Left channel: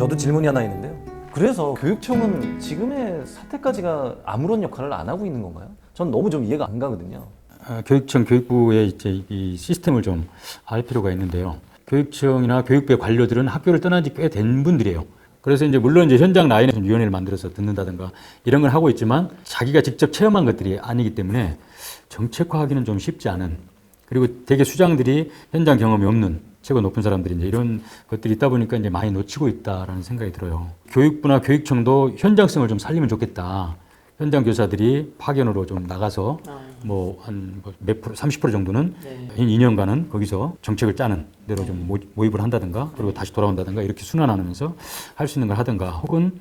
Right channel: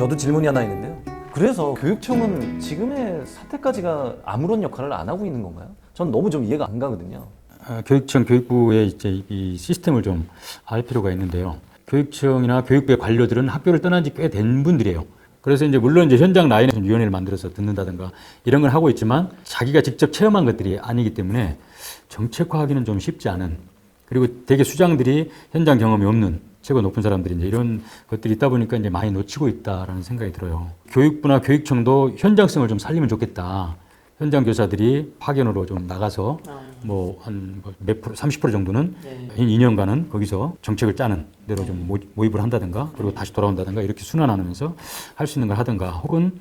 저도 질문이 하나 있는데요. 그래서 교육청은 지금의 사태까지가 아무런 역할을 안 하고 있는 건가요? 전 너무 좀 이해가 안 가거든요. 교육청, 교육부의 이제 이 시스템을 좀 알 필요가 있는데요. 교육청이나 교육부의 관료들은 학교를 떠난 지 꽤 된 분들이에요. 그래서 이제 물론 이제 현장 라인에서 위원회를 만들어서 듣는다든가 이런 걸 하고 있지만 자기가 직접 체험한 것들이 아니기 때문에 정책화하기는 좀 쉽지 않은, 그리고 되게 수장들이 현장 경험이 없는 최고 높은 사람들이 이제 이런 것들이 있다 보니까 이제 많이 놓치고 있다라는 생각이 들어요. 교육부나 교육청도 현장성을 좀 살리면 좋겠다. 현장 교사들이 파견으로 좀 나가서 뭐 한 몇 프로, 30% 정도는 2년간은 거기서 정책을 짜는 대로 좀 모입을 한다든가, 그리고 다시 돌아온다든가, 이렇게 순환하면서 할 수 있는 걸 하든가, 혹은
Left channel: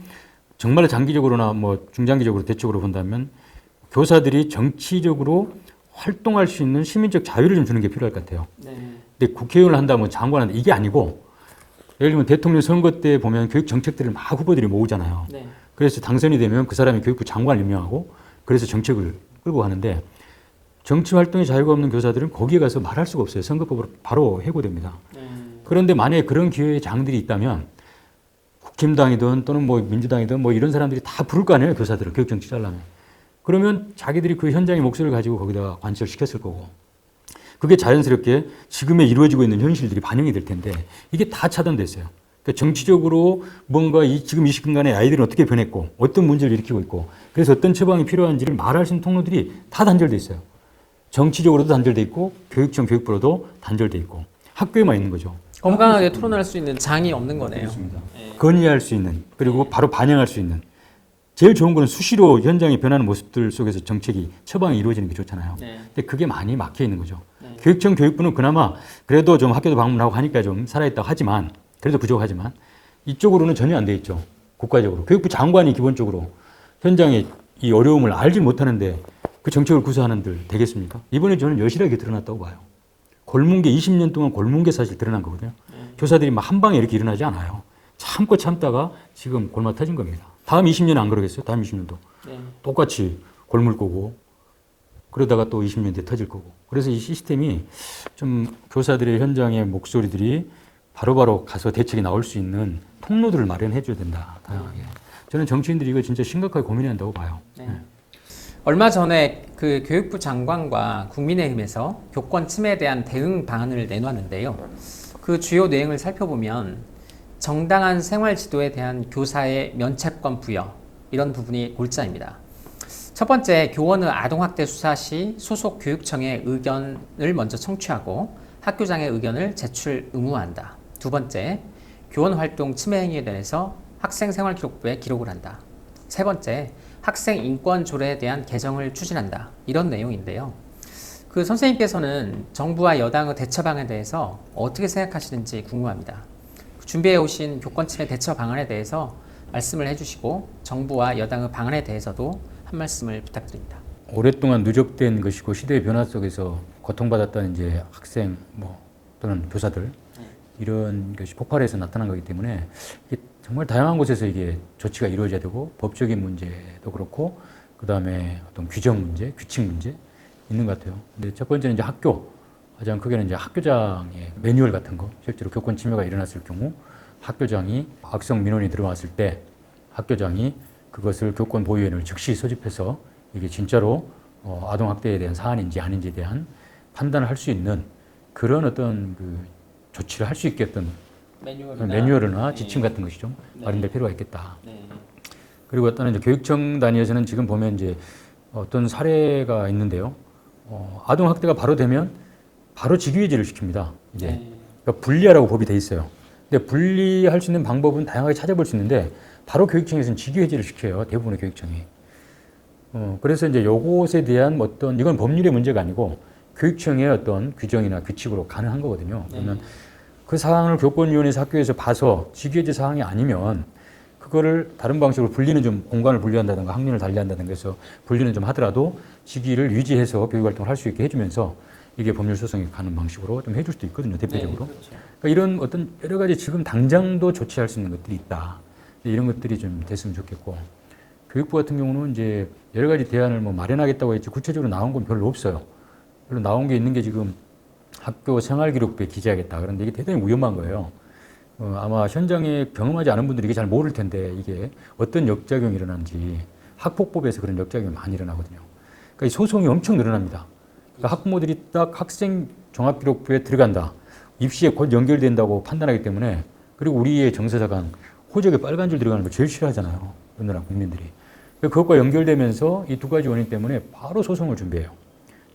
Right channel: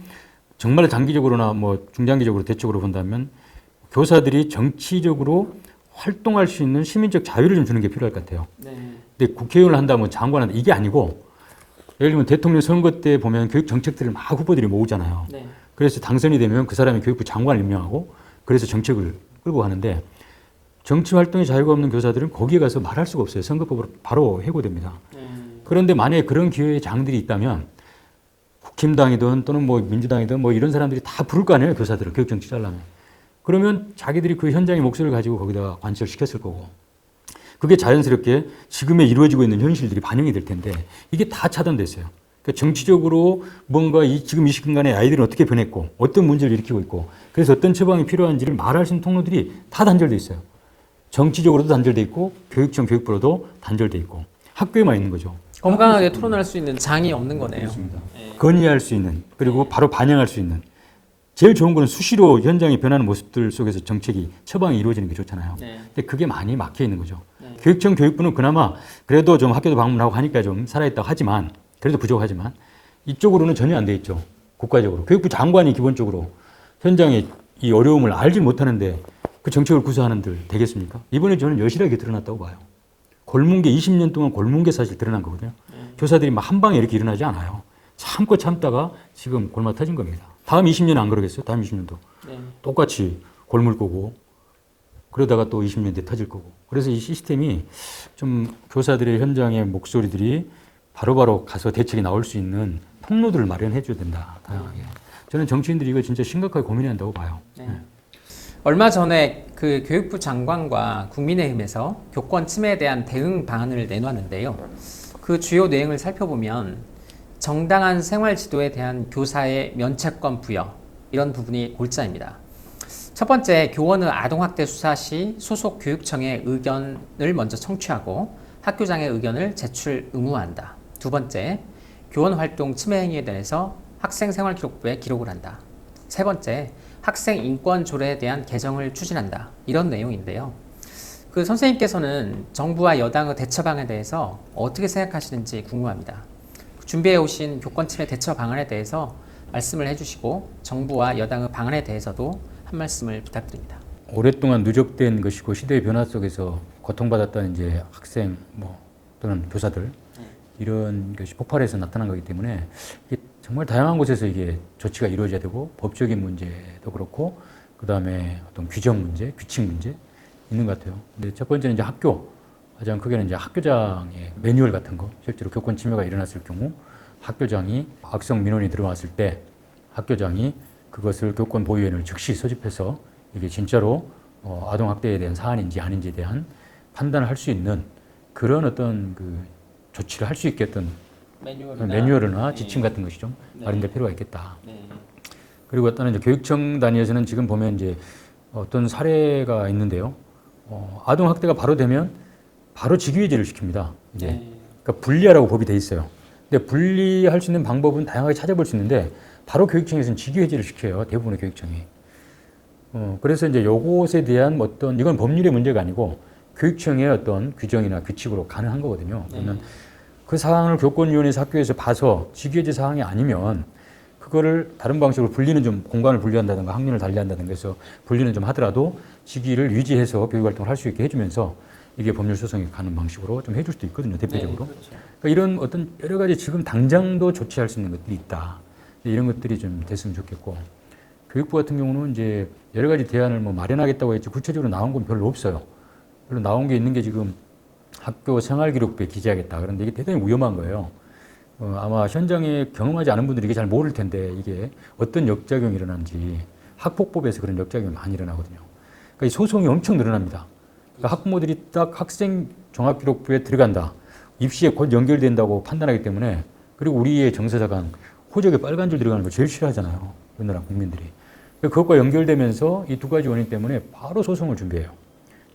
정말 장기적으로나 뭐 중장기적으로 대책으로 본다면 교사들이 정치적으로 활동할 수 있는 시민적 자유를 좀 주는 게 필요할 것 같아요. 근데 국회의원을 한다면 장관한테 이게 아니고, 예를 들면 대통령 선거 때 보면 교육 정책들을 막 후보들이 모으잖아요. 그래서 당선이 되면 그 사람이 교육부 장관을 임명하고 그래서 정책을 끌고 가는데, 정치 활동에 자유가 없는 교사들은 거기에 가서 말할 수가 없어요. 선거법으로 바로 해고됩니다. 그런데 만약에 그런 기회의 장들이 있다면 국힘당이든 또는 뭐 민주당이든 뭐 이런 사람들이 다 부를 거 아니에요. 교사들은 교육 정책 하려면. 그러면 자기들이 그 현장의 목소리를 가지고 거기다가 관철 시켰을 거고, 그게 자연스럽게 지금에 이루어지고 있는 현실들이 반영이 될 텐데 이게 다 차단됐어요. 그러니까 정치적으로 뭔가 지금 이 시간에 아이들이 어떻게 변했고 어떤 문제를 일으키고 있고 그래서 어떤 처방이 필요한지를 말할 수 있는 통로들이 다 단절돼 있어요. 정치적으로도 단절돼 있고 교육청 교육부로도 단절돼 있고 학교에만 있는 거죠. 건강하게 토론할 수 있는 장이 없는 거네요. 건의할 수 있는, 그리고 바로 반영할 수 있는. 제일 좋은 거는 수시로 현장이 변하는 모습들 속에서 정책이 처방이 이루어지는 게 좋잖아요. 근데 그게 많이 막혀 있는 거죠. 교육청 교육부는 그나마 그래도 좀 학교도 방문하고 하니까 좀 살아있다고 하지만, 그래도 부족하지만 이쪽으로는 전혀 안 돼 있죠. 국가적으로. 교육부 장관이 기본적으로 현장의 이 어려움을 알지 못하는데 그 정책을 구사하는들 되겠습니까? 이번에 저는 여실하게 드러났다고 봐요. 골문 게 20년 동안 골문 게 사실 드러난 거거든요. 교사들이 막 한 방에 이렇게 일어나지 않아요. 참고 참다가 지금 골마 터진 겁니다. 다음 20년은 안 그러겠어요? 다음 20년도. 똑같이 골물 거고, 그러다가 또 20년 뒤에 터질 거고. 그래서 이 시스템이 좀 교사들의 현장의 목소리들이 바로바로 가서 대책이 나올 수 있는 통로들을 마련해 줘야 된다. 다양하게. 저는 정치인들이 이거 진짜 심각하게 고민해야 한다고 봐요. 얼마 전에 그 교육부 장관과 국민의힘에서 교권 침해에 대한 대응 방안을 내놨는데요. 그 주요 내용을 살펴보면 정당한 생활 지도에 대한 교사의 면책권 부여, 이런 부분이 골자입니다. 첫 번째, 교원의 아동학대 수사 시 소속 교육청의 의견을 먼저 청취하고 학교장의 의견을 제출 의무화한다. 두 번째, 교원 활동 침해 행위에 대해서 학생생활기록부에 기록을 한다. 세 번째, 학생 인권 조례에 대한 개정을 추진한다. 이런 내용인데요. 그 선생님께서는 정부와 여당의 대처방에 대해서 어떻게 생각하시는지 궁금합니다. 준비해 오신 교권 침해 대처 방안에 대해서 말씀을 해주시고 정부와 여당의 방안에 대해서도 한 말씀을 부탁드립니다. 오랫동안 누적된 것이고 시대의 변화 속에서 고통받았던 이제 학생 또는 교사들, 이런 것이 폭발해서 나타난 거기 때문에 이게 정말 다양한 곳에서 이게 조치가 이루어져야 되고, 법적인 문제도 그렇고, 그 다음에 어떤 규정 문제, 규칙 문제 있는 것 같아요. 근데 첫 번째는 이제 학교, 가장 크게는 이제 학교장의 매뉴얼 같은 거, 실제로 교권 침해가 일어났을 경우 학교장이 악성 민원이 들어왔을 때 학교장이 그것을 교권 보호위원회를 즉시 소집해서 이게 진짜로 아동 학대에 대한 사안인지 아닌지에 대한 판단을 할 수 있는 그런 어떤 그 조치를 할 수 있겠던 매뉴얼이나 지침 같은 것이 좀 마련될 필요가 있겠다. 그리고 어떤 이제 교육청 단위에서는 지금 보면 이제 어떤 사례가 있는데요. 아동 학대가 바로 되면 바로 직위해지를 시킵니다. 이제 그러니까 분리하라고 법이 돼 있어요. 근데 분리할 수 있는 방법은 다양하게 찾아볼 수 있는데 바로 교육청에서는 직위해지를 시켜요. 대부분의 교육청이. 그래서 이제 요것에 대한 어떤, 이건 법률의 문제가 아니고 교육청의 어떤 규정이나 규칙으로 가능한 거거든요. 그러면 그 사항을 교권위원회에서 학교에서 봐서 직위해지 사항이 아니면 그거를 다른 방식으로 분리는 좀 공간을 분리한다든가 학년을 달리한다든가 해서 분리는 좀 하더라도 직위를 유지해서 교육활동을 할 수 있게 해주면서 이게 법률 소송이 가는 방식으로 좀 해줄 수도 있거든요. 대표적으로. 그러니까 이런 어떤 여러 가지 지금 당장도 조치할 수 있는 것들이 있다. 이런 것들이 좀 됐으면 좋겠고, 교육부 같은 경우는 이제 여러 가지 대안을 마련하겠다고 했지 구체적으로 나온 건 별로 없어요. 별로 나온 게 있는 게 지금 학교 생활기록부에 기재하겠다. 그런데 이게 대단히 위험한 거예요. 아마 현장에 경험하지 않은 분들이 이게 잘 모를 텐데 이게 어떤 역작용이 일어나는지 학폭법에서 그런 역작용이 많이 일어나거든요. 그러니까 이 소송이 엄청 늘어납니다. 그러니까 학부모들이 딱 학생 종합기록부에 들어간다. 입시에 곧 연결된다고 판단하기 때문에 그리고 우리의 정서사관 호적에 빨간 줄 들어가는 걸 제일 싫어하잖아요. 우리나라 국민들이. 그것과 연결되면서 이 두 가지 원인 때문에 바로 소송을 준비해요.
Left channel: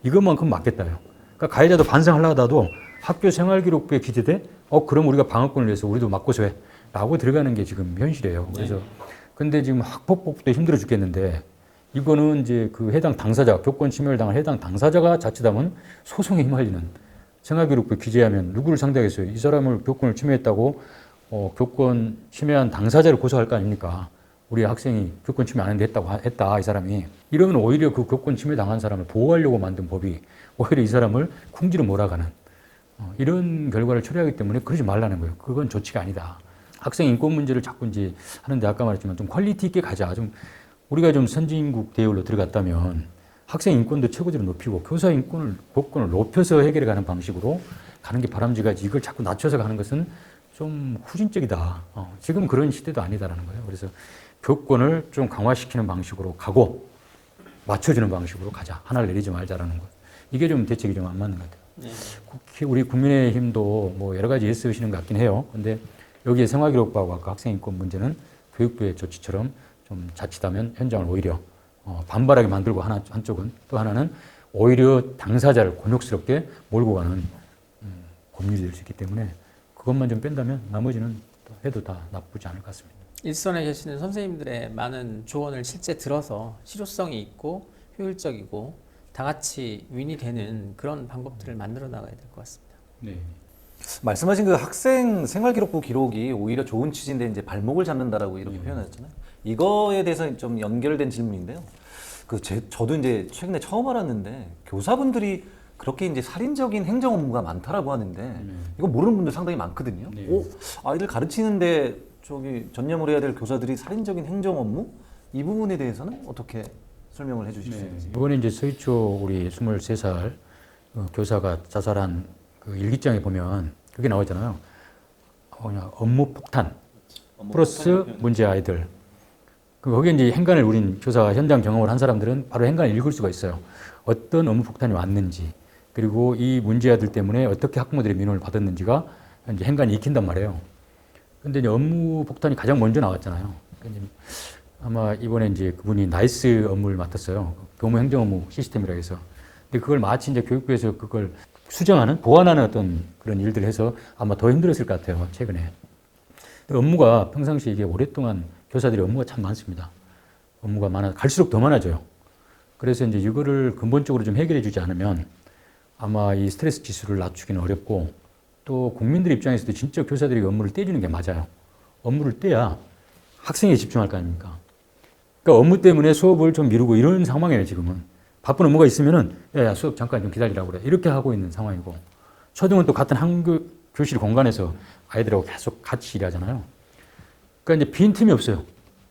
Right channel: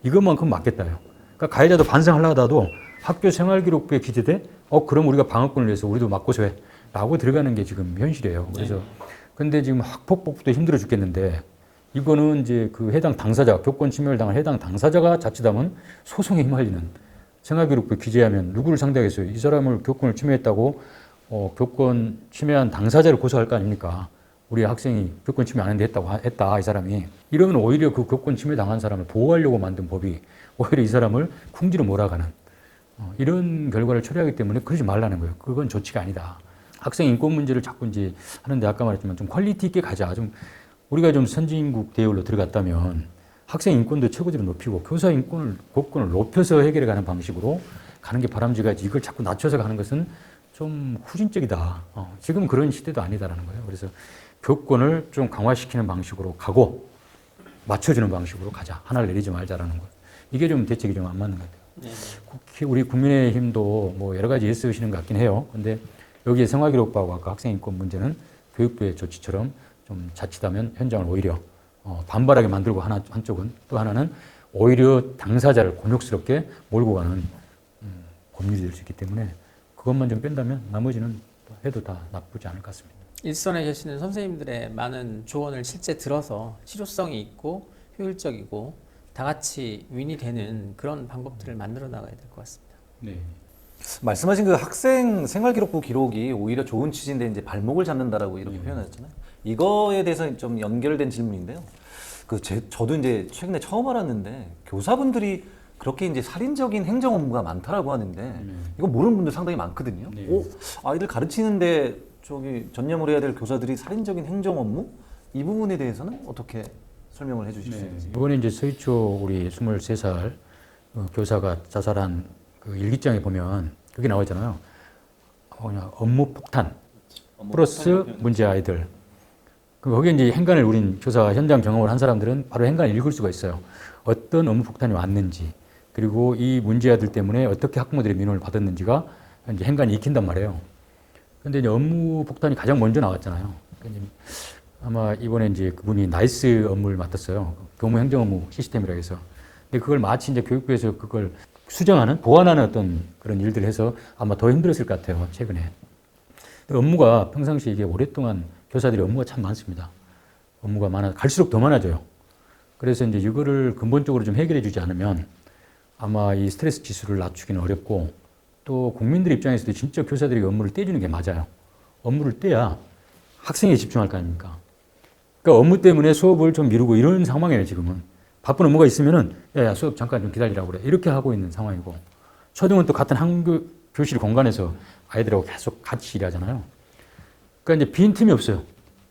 이것만큼 맞겠다요. 그러니까 가해자도 반성하려다도 학교 생활기록부에 기재돼 그럼 우리가 방어권을 내서 우리도 맞고서 해 라고 들어가는 게 지금 현실이에요. 그래서 근데 지금 학폭법도 힘들어 죽겠는데 이거는 이제 그 해당 당사자, 교권 침해를 당한 해당 당사자가 자칫하면 소송에 휘말리는 생활기록부를 규제하면 누구를 상대하겠어요? 이 사람을 교권을 침해했다고 교권 침해한 당사자를 고소할 거 아닙니까? 우리 학생이 교권 침해 안 했는데 했다 이 사람이 이러면 오히려 그 교권 침해 당한 사람을 보호하려고 만든 법이 오히려 이 사람을 궁지로 몰아가는 이런 결과를 초래하기 때문에 그러지 말라는 거예요. 그건 조치가 아니다. 학생 인권 문제를 자꾸 이제 하는데 아까 말했지만 좀 퀄리티 있게 가자. 좀 우리가 좀 선진국 계열로 들어갔다면 학생 인권도 최고조로 높이고 교사 교권을 높여서 해결해 가는 방식으로 가는 게 바람직하지 이걸 자꾸 낮춰서 가는 것은 좀 후진적이다. 지금 그런 시대도 아니다라는 거예요. 그래서 교권을 좀 강화시키는 방식으로 가고 맞춰주는 방식으로 가자. 하나를 내리지 말자라는 거. 이게 좀 대책이 좀 안 맞는 것 같아요. 우리 국민의힘도 뭐 여러 가지 일쓰시는 것 같긴 해요. 근데 여기에 생활기록부하고 아까 학생인권 문제는 교육부의 조치처럼 좀 자칫하면 현장을 오히려 반발하게 만들고 한쪽은 또 하나는 오히려 당사자를 곤욕스럽게 몰고 가는 고민이 될 수 있기 때문에 그것만 좀 뺀다면 나머지는 해도 다 나쁘지 않을 것 같습니다. 일선에 계시는 선생님들의 많은 조언을 실제 들어서 실효성이 있고 효율적이고 다 같이 윈이 되는 그런 방법들을 만들어 나가야 될 것 같습니다. 네. 말씀하신 그 학생 생활기록부 기록이 오히려 좋은 취지인데 이제 발목을 잡는다라고 이렇게 표현하셨잖아요. 이거에 대해서 좀 연결된 질문인데요. 저도 이제 최근에 처음 알았는데 교사분들이 그렇게 이제 살인적인 행정 업무가 많다라고 하는데 이거 모르는 분들 상당히 많거든요. 네. 아이들 가르치는데 전념을 해야 될 교사들이 살인적인 행정 업무? 이 부분에 대해서는 어떻게 설명을 해주실 수 있는지. 이번에 이제 서희초 우리 23살 교사가 자살한 그 일기장에 보면 여기 나오잖아요. 업무 폭탄 플러스 문제 아이들. 거기에 이제 행간을 우린 조사 현장 경험을 한 사람들은 바로 행간을 읽을 수가 있어요. 어떤 업무 폭탄이 왔는지 그리고 이 문제 아이들 때문에 어떻게 학부모들의 민원을 받았는지가 이제 행간이 익힌단 말이에요. 근데 이제 업무 폭탄이 가장 먼저 나왔잖아요. 아마 이번에 이제 그분이 나이스 업무를 맡았어요. 교무 행정 업무 시스템이라 해서. 근데 그걸 마치 이제 교육부에서 그걸 수정하는, 보완하는 어떤 그런 일들을 해서 아마 더 힘들었을 것 같아요, 최근에. 업무가 평상시에 이게 오랫동안 교사들이 업무가 참 많습니다. 업무가 갈수록 더 많아져요. 그래서 이제 이거를 근본적으로 좀 해결해 주지 않으면 아마 이 스트레스 지수를 낮추기는 어렵고 또 국민들 입장에서도 진짜 교사들이 업무를 떼주는 게 맞아요. 업무를 떼야 학생에 집중할 거 아닙니까? 그러니까 업무 때문에 수업을 좀 미루고 이런 상황이에요, 지금은. 바쁜 업무가 있으면은, 야, 수업 잠깐 좀 기다리라고 그래. 이렇게 하고 있는 상황이고. 초등은 또 같은 교실 공간에서 아이들하고 계속 같이 일하잖아요. 그러니까 이제 빈 틈이 없어요.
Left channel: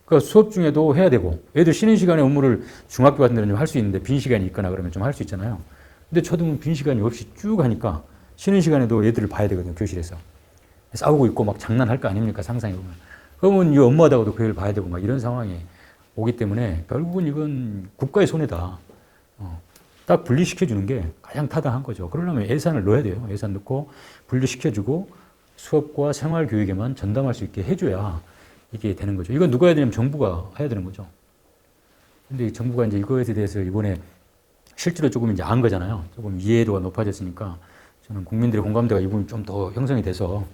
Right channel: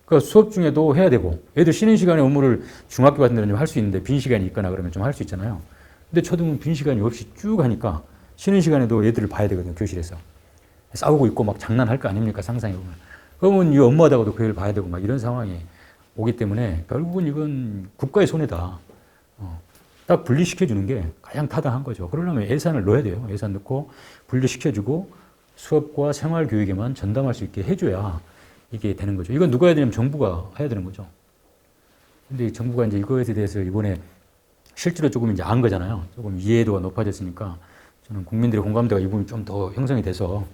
그러니까 수업 중에도 해야 되고, 애들 쉬는 시간에 업무를 중학교 같은 데는 좀 할 수 있는데, 빈 시간이 있거나 그러면 좀 할 수 있잖아요. 근데 초등은 빈 시간이 없이 쭉 하니까, 쉬는 시간에도 애들을 봐야 되거든요, 교실에서. 싸우고 있고 막 장난할 거 아닙니까, 상상해보면. 그러면 이 엄마하고도 그 애를 봐야 되고 막 이런 상황이 오기 때문에 결국은 이건 국가의 손해다. 딱 분리시켜주는 게 가장 타당한 거죠. 그러려면 예산을 넣어야 돼요. 예산 넣고 분리시켜주고 수업과 생활교육에만 전담할 수 있게 해줘야 이게 되는 거죠. 이건 누가 해야 되냐면 정부가 해야 되는 거죠. 근데 정부가 이제 이거에 대해서 이번에 실제로 조금 이제 안 거잖아요. 조금 이해도가 높아졌으니까 저는 국민들의 공감대가 이 부분이 좀 더 형성이 돼서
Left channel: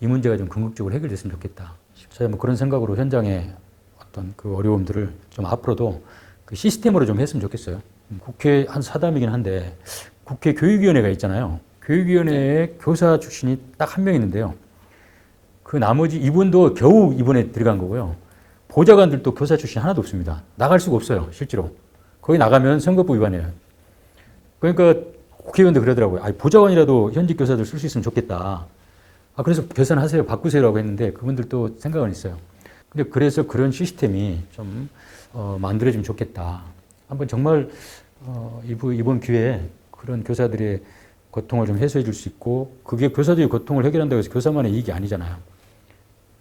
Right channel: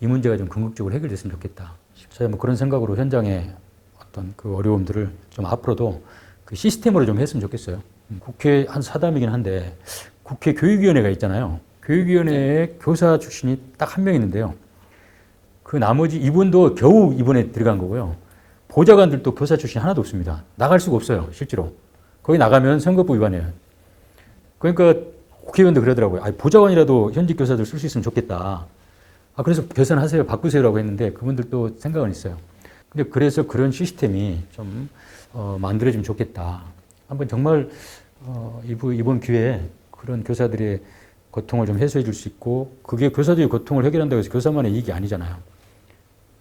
이 문제가 좀 궁극적으로 해결됐으면 좋겠다. 저희 뭐 그런 생각으로 현장에 어떤 그 어려움들을 좀 앞으로도 그 시스템으로 좀 했으면 좋겠어요. 국회 한 사담이긴 한데 국회 교육위원회가 있잖아요. 교육위원회에 교사 출신이 딱 한 명 있는데요. 그 나머지 이분도 겨우 이번에 들어간 거고요. 보좌관들도 교사 출신 하나도 없습니다. 나갈 수가 없어요, 실제로. 거기 나가면 선거법 위반이에요. 그러니까 국회의원도 그러더라고요. 보좌관이라도 현직 교사들 쓸 수 있으면 좋겠다. 그래서 개선하세요, 바꾸세요라고 했는데 그분들도 생각을 했어요. 근데 그래서 그런 시스템이 좀 만들어지면 좋겠다. 한번 정말 이번 기회에 그런 교사들의 고통을 좀 해소해 줄 수 있고 그게 교사들의 고통을 해결한다고 해서 교사만의 이익이 아니잖아요.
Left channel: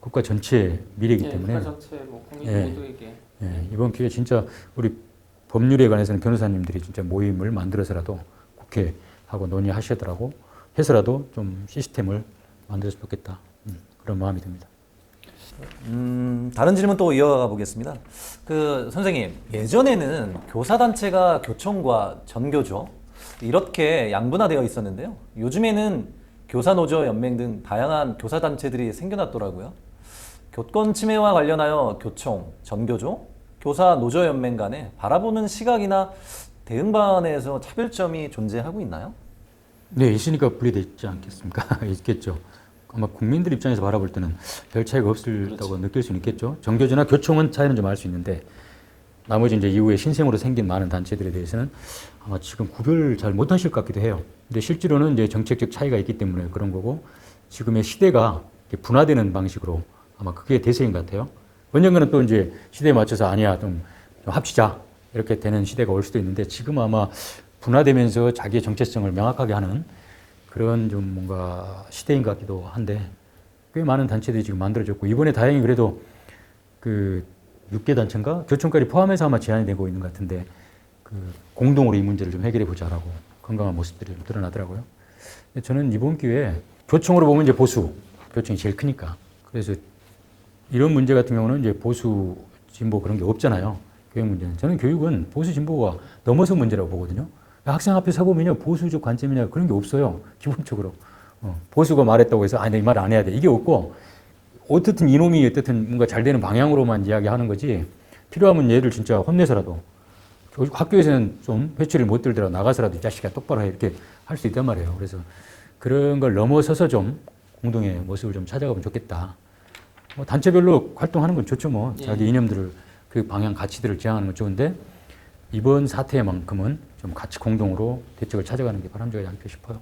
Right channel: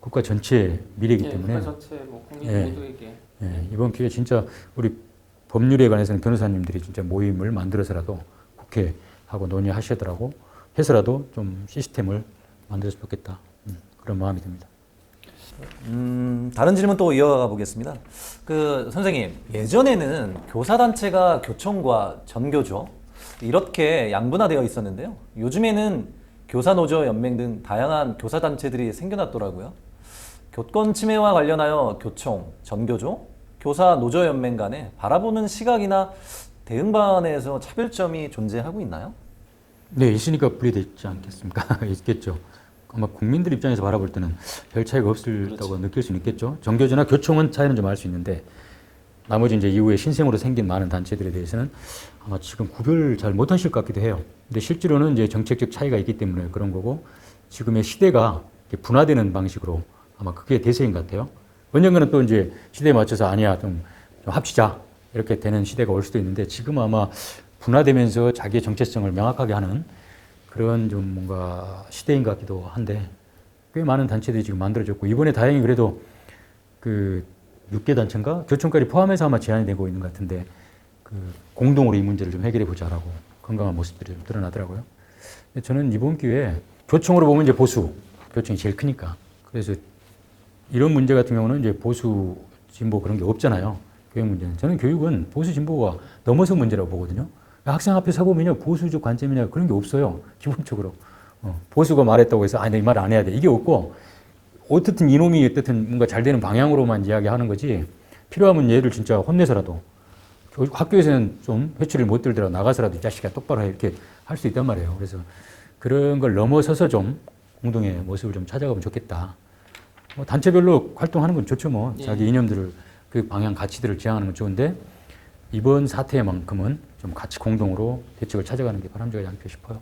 국가 전체 미래이기 때문에 전체 뭐 국민 예. 모두에게 예, 이번 기회에 진짜 우리 법률에 관해서는 변호사님들이 진짜 모임을 만들어서라도 국회하고 논의하시더라고 해서라도 좀 시스템을 만들었으면 좋겠다. 그런 마음이 듭니다. 다른 질문 또 이어가 보겠습니다. 그 선생님, 예전에는 교사단체가 교청과 전교조 이렇게 양분화되어 있었는데요. 요즘에는 교사노조연맹 등 다양한 교사단체들이 생겨났더라고요. 교권 침해와 관련하여 교총, 전교조, 교사노조연맹 간에 바라보는 시각이나 대응 방안에서 차별점이 존재하고 있나요? 네, 있으니까 분리되어 있지 않겠습니까? 있겠죠. 아마 국민들 입장에서 바라볼 때는 별 차이가 없다고 느낄 수는 있겠죠. 정교조나 교총은 차이는 좀 알 수 있는데 나머지 이제 이후에 신생으로 생긴 많은 단체들에 대해서는 아마 지금 구별을 잘 못하실 것 같기도 해요. 근데 실제로는 이제 정책적 차이가 있기 때문에 그런 거고 지금의 시대가 이렇게 분화되는 방식으로 아마 그게 대세인 것 같아요. 언젠가는 또 이제 시대에 맞춰서 아니야 좀 합치자 이렇게 되는 시대가 올 수도 있는데 지금 아마 분화되면서 자기의 정체성을 명확하게 하는 그런 좀 뭔가 시대인 것 같기도 한데 꽤 많은 단체들이 지금 만들어졌고 이번에 다행히 그래도 그 6개 단체인가 교총까지 포함해서 아마 제안이 되고 있는 것 같은데 그 공동으로 이 문제를 좀 해결해 보자라고 건강한 모습들이 좀 드러나더라고요. 근데 저는 이번 기회에 교총으로 보면 이제 보수 교총이 제일 크니까 그래서 이런 문제 같은 경우는 이제 보수 진보 그런 게 없잖아요. 교육 문제는 저는 교육은 보수 진보가 넘어서 문제라고 보거든요. 학생 앞에 서보면요 보수적 관점이나 그런 게 없어요. 기본적으로 보수가 말했다고 해서 아니 내 말 안 해야 돼 이게 없고 어떻든 이놈이 어쨌든 뭔가 잘 되는 방향으로만 이야기하는 거지 필요하면 얘를 진짜 혼내서라도 학교에서는 좀 회초리 못 들더라도 나가서라도 이 자식아 똑바로 이렇게 할 수 있단 말이에요. 그래서 그런 걸 넘어서서 좀 공동의 모습을 좀 찾아가면 좋겠다. 뭐 단체별로 활동하는 건 좋죠 뭐 자기 이념들을 그 방향 가치들을 지향하는 건 좋은데 이번 사태만큼은 좀 같이 공동으로 대책을 찾아가는 게 바람직하지 않을까 싶어요.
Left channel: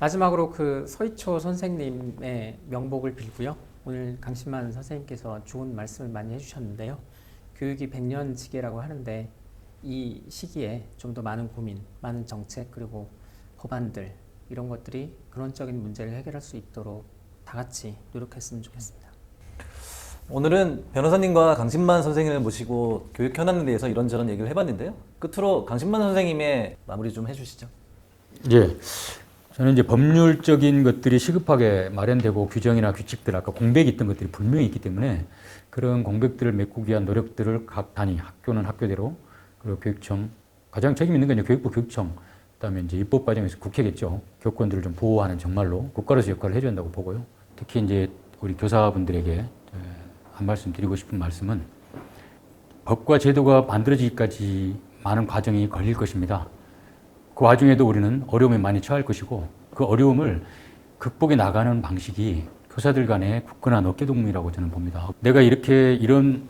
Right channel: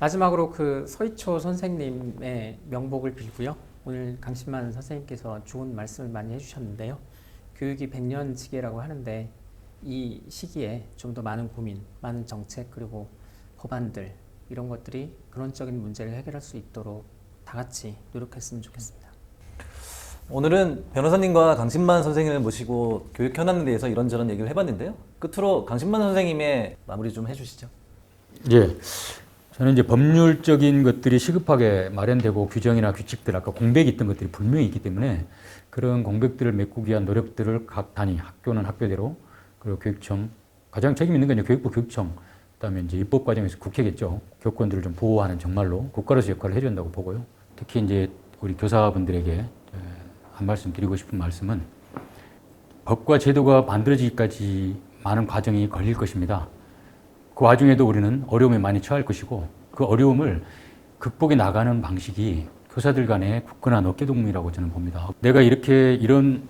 마지막으로 그 서희초 선생님의 명복을 빌고요. 오늘 강신만 선생님께서 좋은 말씀 많이 해주셨는데요. 교육이 100년지계라고 하는데 이 시기에 좀 더 많은 고민, 많은 정책 그리고 법안들 이런 것들이 근원적인 문제를 해결할 수 있도록 다 같이 노력했으면 좋겠습니다. 오늘은 변호사님과 강신만 선생님을 모시고 교육 현안에 대해서 이런저런 얘기를 해봤는데요. 끝으로 강신만 선생님의 마무리 좀 해주시죠. 예. 저는 이제 법률적인 것들이 시급하게 마련되고 규정이나 규칙들, 아까 공백이 있던 것들이 분명히 있기 때문에 그런 공백들을 메꾸기 위한 노력들을 각 단위, 학교는 학교대로, 그리고 교육청, 가장 책임 있는 건 이제 교육부 교육청, 그다음에 이제 입법 과정에서 국회겠죠. 교권들을 좀 보호하는 정말로 국가로서 역할을 해야 된다고 보고요. 특히 이제 우리 교사분들에게 한 말씀 드리고 싶은 말씀은 법과 제도가 만들어지기까지 많은 과정이 걸릴 것입니다. 그 와중에도 우리는 어려움에 많이 처할 것이고 그 어려움을 극복해 나가는 방식이 교사들 간의 굳건한 어깨동무이라고 저는 봅니다. 내가 이렇게 이런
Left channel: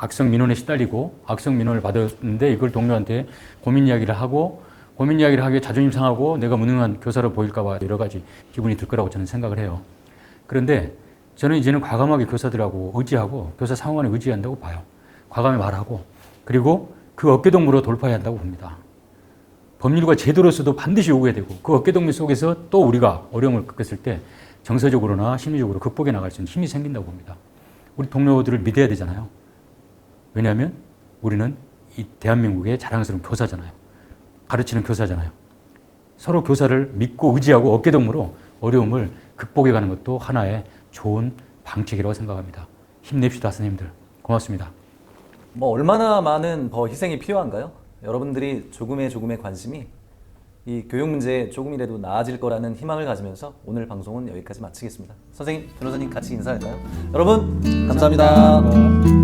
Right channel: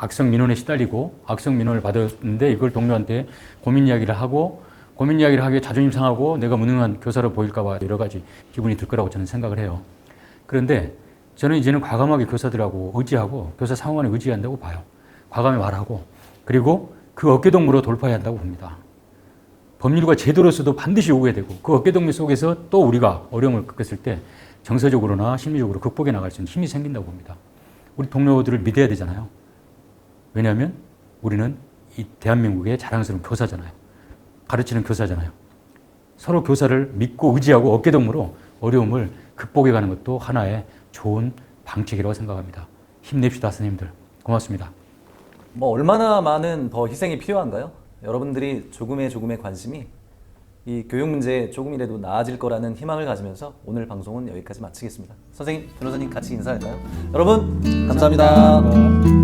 악성 민원에 시달리고 악성 민원을 받았는데 이걸 동료한테 고민 이야기를 하고 고민 이야기를 하기에 자존심 상하고 내가 무능한 교사로 보일까 봐 여러 가지 기분이 들 거라고 저는 생각을 해요. 그런데 저는 이제는 과감하게 교사들하고 의지하고 교사 상황을 의지한다고 봐요. 과감히 말하고 그리고 그 어깨동무로 돌파해야 한다고 봅니다. 법률과 제도로서도 반드시 오게 되고 그 어깨동무 속에서 또 우리가 어려움을 겪었을 때 정서적으로나 심리적으로 극복해 나갈 수 있는 힘이 생긴다고 봅니다. 우리 동료들을 믿어야 되잖아요. 왜냐하면 우리는 이 대한민국의 자랑스러운 교사잖아요. 가르치는 교사잖아요. 서로 교사를 믿고 의지하고 어깨동무로 어려움을 극복해 가는 것도 하나의 좋은 방책이라고 생각합니다. 힘냅시다, 선생님들. 고맙습니다. 뭐 얼마나 많은 더 희생이 필요한가요? 여러분들이 조금의 관심이 이 교육 문제에 조금이라도 나아질 거라는 희망을 가지면서 오늘 방송은 여기까지 마치겠습니다. 선생님, 변호사님 같이 인사할까요? 여러분, 감사합니다.